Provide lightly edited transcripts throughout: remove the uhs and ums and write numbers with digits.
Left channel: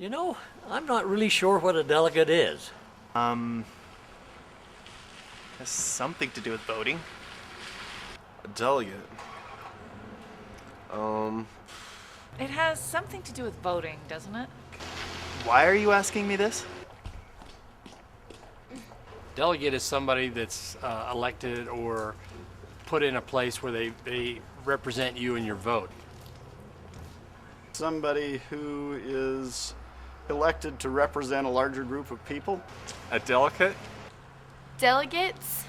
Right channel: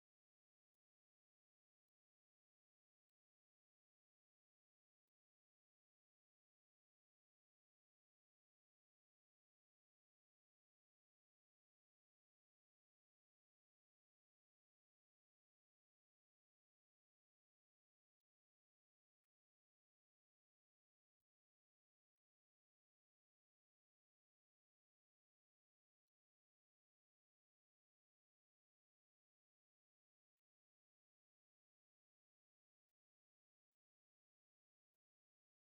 You know, I'm not really sure what a delegate is. Has something to do with voting. A delegate. It has something to do with voting, doesn't it? Why are you asking me this? Delegate is somebody that's elected or put in a place where they represent you in your vote. Somebody who is elected to represent a larger group of people. A delegate? Delegates?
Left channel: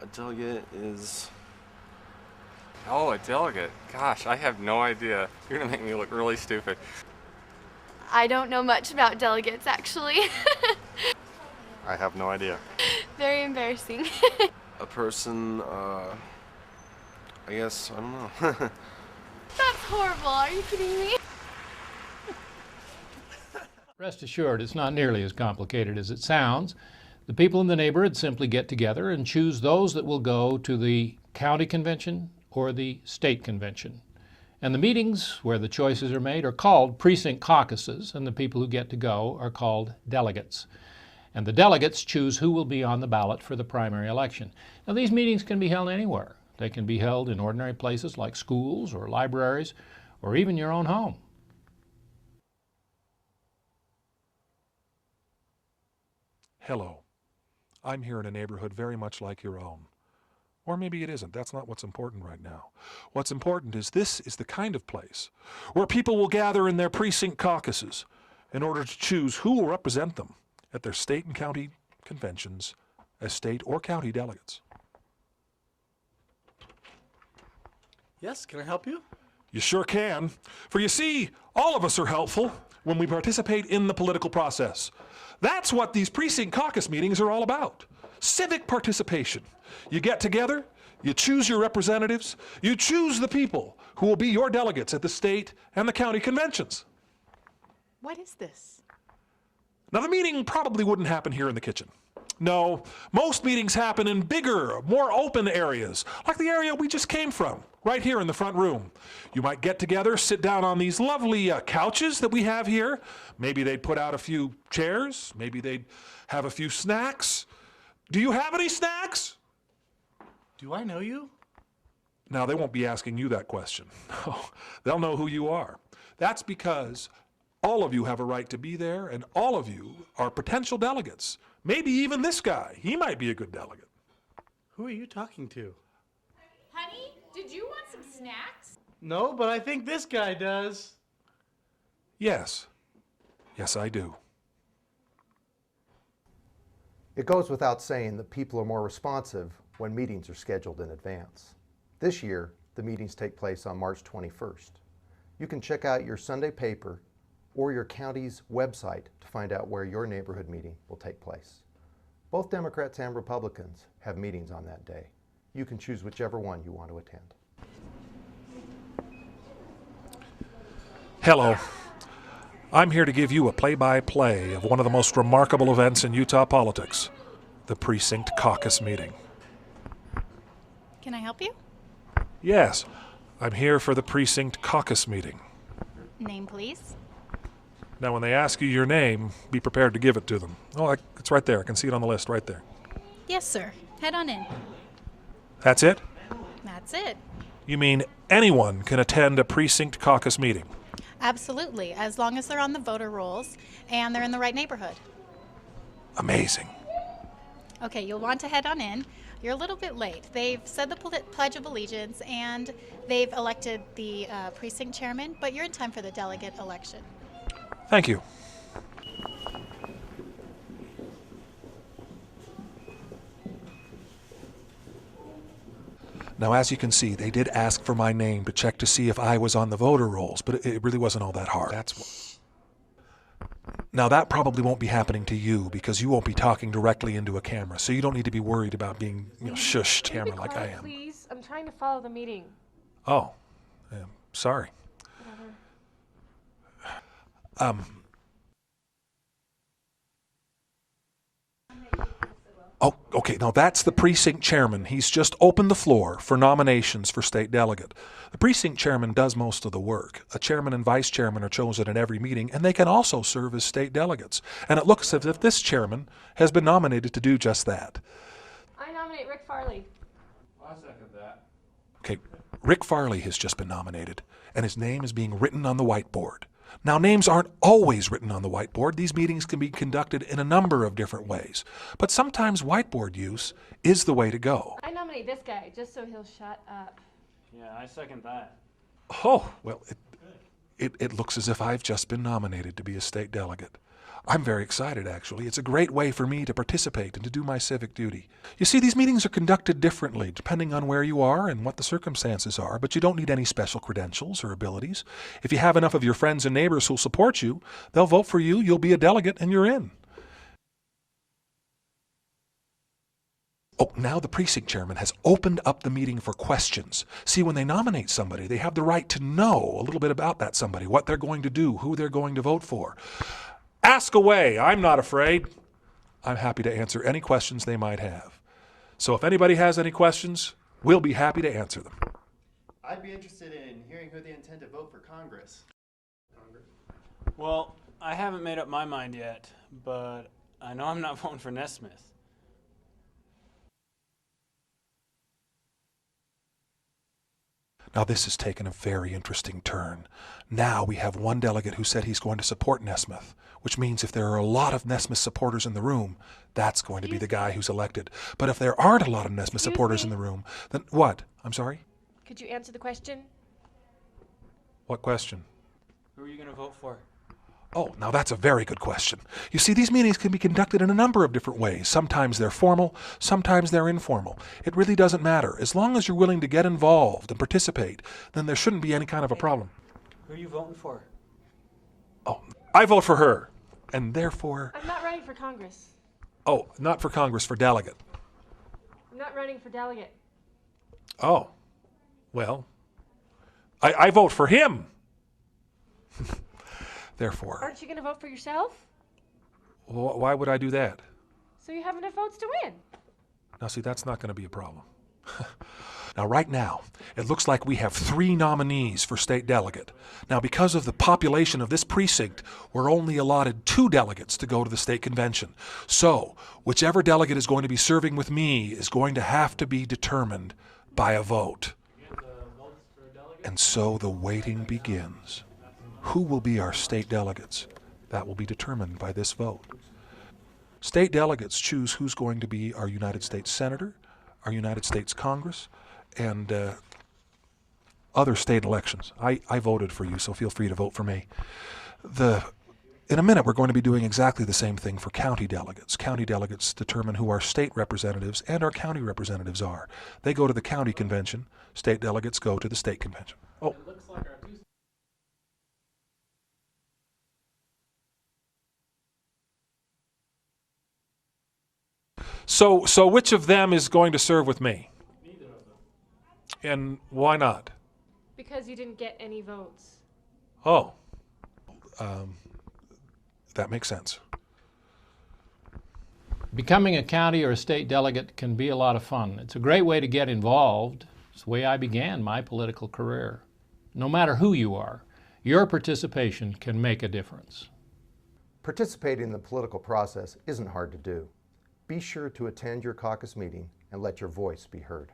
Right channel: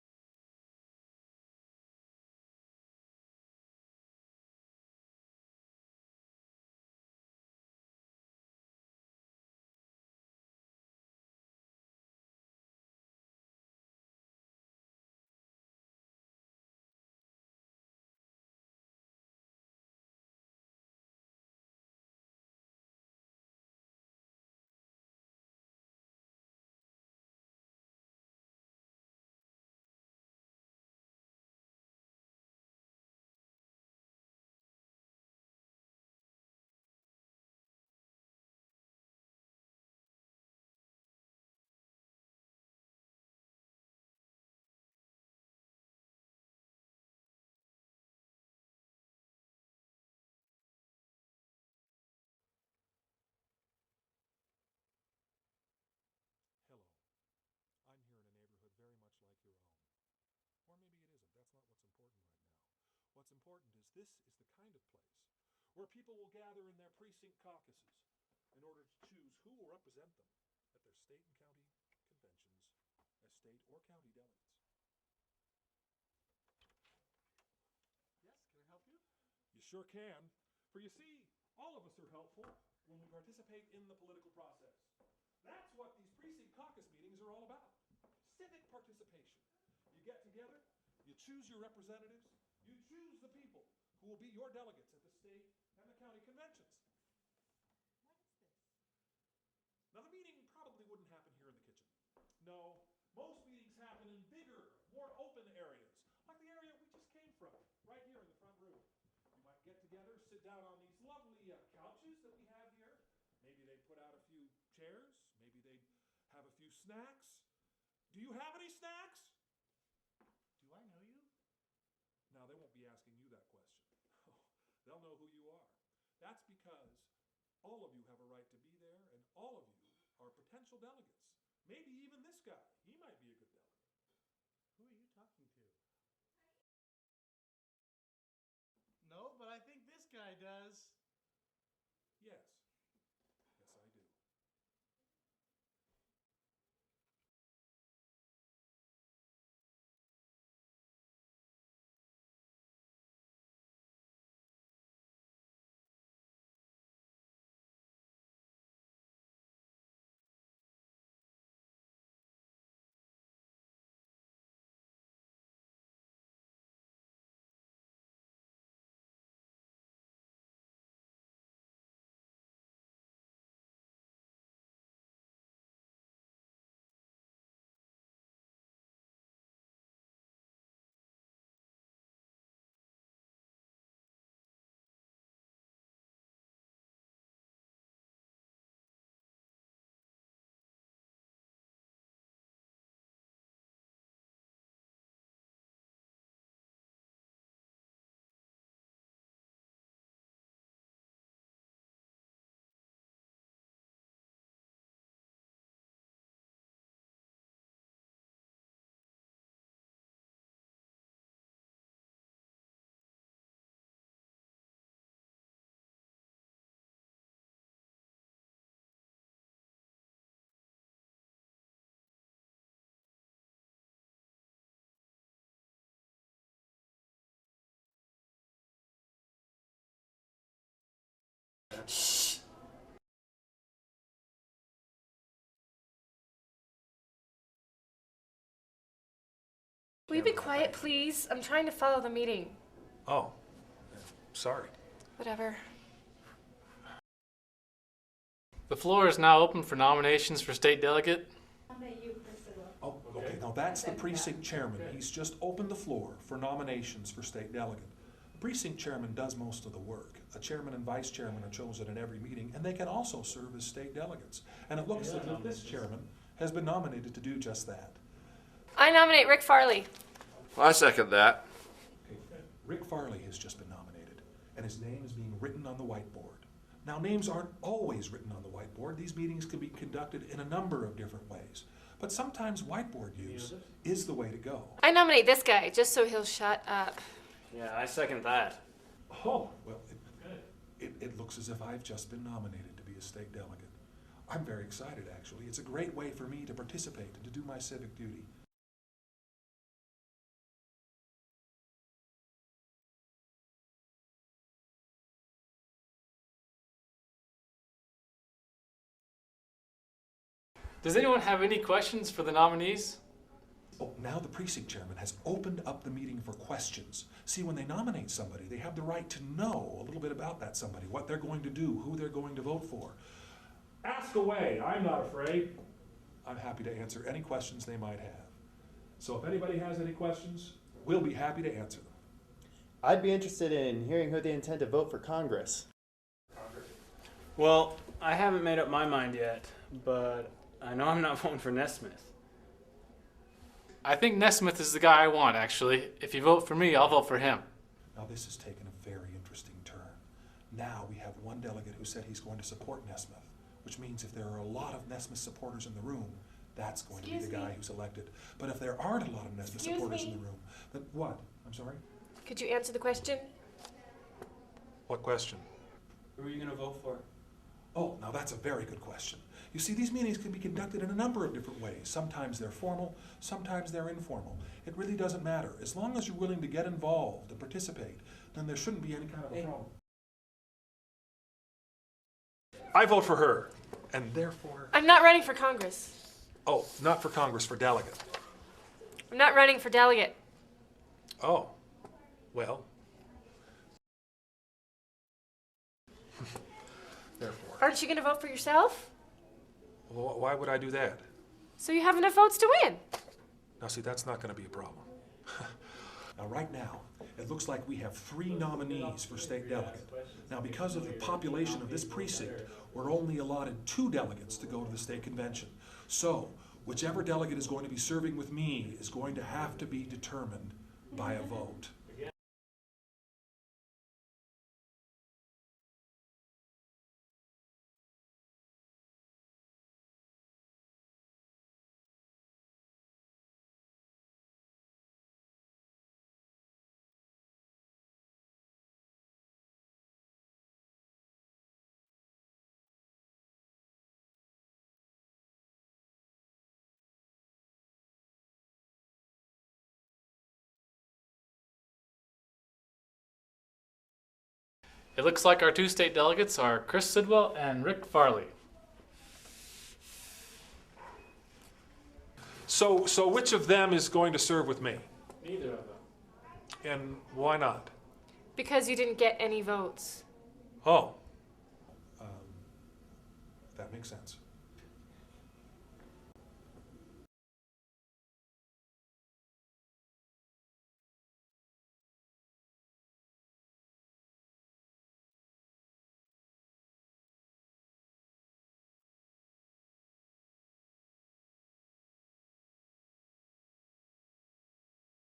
A delegate is... Oh, a delegate. Gosh, I have no idea. You're gonna make me look really stupid. I don't know much about delegates, actually. I have no idea. Very embarrassing. A person, I guess, I don't know. That's horrible. Are you kidding me? Rest assured, it's not nearly as complicated as it sounds. The people in the neighborhood simply get together and choose those that will go to the county convention or the state convention. And the meetings where the choices are made are called precinct caucuses, and the people who get to go are called delegates. And the delegates choose who will be on the ballot for the primary election. Now, these meetings can be held anywhere. They can be held in ordinary places like schools or libraries or even your own home. Hello. I'm here in a neighborhood very much like your own. Or maybe it isn't. That's not what's important right now. What's important is this is the kind of place where people will gather in their precinct caucuses in order to choose who will represent them at their state and county conventions as state or county delegates. Yes, can I help you? You sure can. For you see, all of us are helpful when we participate in the political process. That's what these precinct caucus meetings are all about. Civic participation. You get together, you choose your representatives, you choose the people who will be your delegates at the state and the county conventions. What is this? Now, the meeting probably wouldn't happen here in the kitchen. No, most meetings happen in bigger, more open areas, like the area we just came from, right here in the front room. You might get together, sit down on these lovely couches that we have here. Maybe they'd put out a few chairs. Maybe they'd have a few snacks. Do you have any snacks? Do I know you? Now, they won't be asking you that question. No, they'll know who you are. That's because all of you have a right to be there, and all of you are potential delegates. Maybe even this guy. He might be a good delegate. Who are you talking to? Honey, did you want some snacks? No, but I think this guy does. Yes. Yes, I do. It goes without saying that people are more responsive when meetings are scheduled in advance. This year, the meetings take place on March 21st. You can check out your Sunday paper or your county's website to find out where your neighborhood meeting will take place. Both Democrats and Republicans have meetings on that day. You can choose whichever one you want to attend. Hello. I'm here to give you a play-by-play of one of the most remarkable events in Utah politics, the precinct caucus meeting. Can I help you? Yes, I'm here for the precinct caucus meeting. Name, please. Now, when they ask you your name, be prepared to give it to them. Oh, it's right there. I can see it on the list right there. Yes, sir. Head on in. That's it? That's it. You mean anyone can attend a precinct caucus meeting? Absolutely, as long as they're on the voter rolls and they're in the right neighborhood. Amazing. Okay, you'll want to head on in. You're a little bit late. They've said the Pledge of Allegiance and they've elected the precinct chairman, but you're in time for the delegate election. Thank you. Now, as you can see, they did ask for my name to check to see if I was on the voter rolls, but it really wasn't all that hard. Now, that probably won't be happening to you because you won't be talking directly into a camera, so you don't need to be worried about being, shushed Can you be like I quiet, am. please? I'm trying to follow the meeting. Oh, yeah, sorry. Whatever. The floor is now open for nominations for state delegate. Oh, okay, now that's the precinct chairman. He's just opened the floor for nominations for state delegate. The precinct chairman does most of the work. A chairman and vice chairman are chosen at every meeting, and they can also serve as state delegates. And it looks as if this chairman has been nominated to do just that. I nominate Rick Farley. I second that. Okay, Rick Farley has just been nominated, and his name is being written on the whiteboard. Now, names aren't always written on the whiteboard. These meetings can be conducted in a number of different ways. But sometimes whiteboard use is the way to go. I nominate this guy, just so he'll shut up. Yeah, I second that. Oh, well, it looks as if I've just been nominated to be a state delegate. I'm very excited, actually. It's a great way for me to participate and to do my civic duty. You see, these meetings are conducted differently depending on where you are and what the circumstances are, but you don't need any special credentials or abilities. If you have enough of your friends and neighbors who'll support you, they'll vote for you, you'll be a delegate, and you're in. Does anyone have any questions for the nominees? Oh, now the precinct chairman has opened up the meeting for questions. See, when they nominate somebody, they have the right to know a little bit about that somebody, what they're going to do, who they're going to vote for. Ask away. I'm not afraid. I'm happy to answer any questions they might have. So if anybody has any questions, we'll be happy to answer them. I'd be interested in hearing who they intend to vote for Congress. Well, I haven't made up my mind yet, but I know I'm not voting for Nesmith. I think Nesmith is the guy I want, actually. If you vote for me, I'll vote for him. Now this has taken a very interesting turn. Now we have one delegate who said he's going to support Nesmith, which means if there are a lot of Nesmith supporters in the room, that's going to be the guy who's elected. But if there aren't a lot of Nesmith supporters in the room, then what? I'm sorry? Could you answer the question? What question? Who are you going to vote for? Oh, now that's a very good question. You see, these meetings can be conducted in a number of different ways. Sometimes they're formal, sometimes they're informal. It really doesn't matter. As long as you're willing to get involved and participate, then there shouldn't be any kind of a problem. Who are you voting for? Oh, I vote for her, and therefore... I'm not running for Congress. Oh, not for Congress, for delegate. I'm not running for delegate. Oh, well, I vote for him. Therefore, Aren't you going to vote for yourself? why would I do that? So you have enough votes to win. Now, see, that's not going to be a problem. Now, right now, it looks like we have 3 nominees for state delegate. Now, because of the population of this precinct, we're only allotted 2 delegates to go to the state convention. So, whichever delegate is going to be serving with me is going to have to be determined by a vote. And so the waiting begins. Who will be our state delegates? That will be determined by this vote. State delegates choose who's going to be our United States Senator, our United States Congress, and other state elections. I voted for you, so feel free to vote for me. In a minute, we're going to be doing exactly the same thing for county delegates. County delegates determine who our state representatives and our county representatives are. They go to the county convention. State delegates go to the state convention. Oh. It looks like our 2 state delegates are Chris Sidwell and Rick Farley. So which of them is going to serve with me? Neither of them. And why not? Because you didn't get any votes. Oh. That makes sense. Becoming a county or a state delegate can be a lot of fun. It's a great way to get involved. It's the way I began my political career. No matter who you are, your participation can make a difference. Participating in the political process isn't hard to do. Be sure to attend your caucus meeting and let your voice be heard.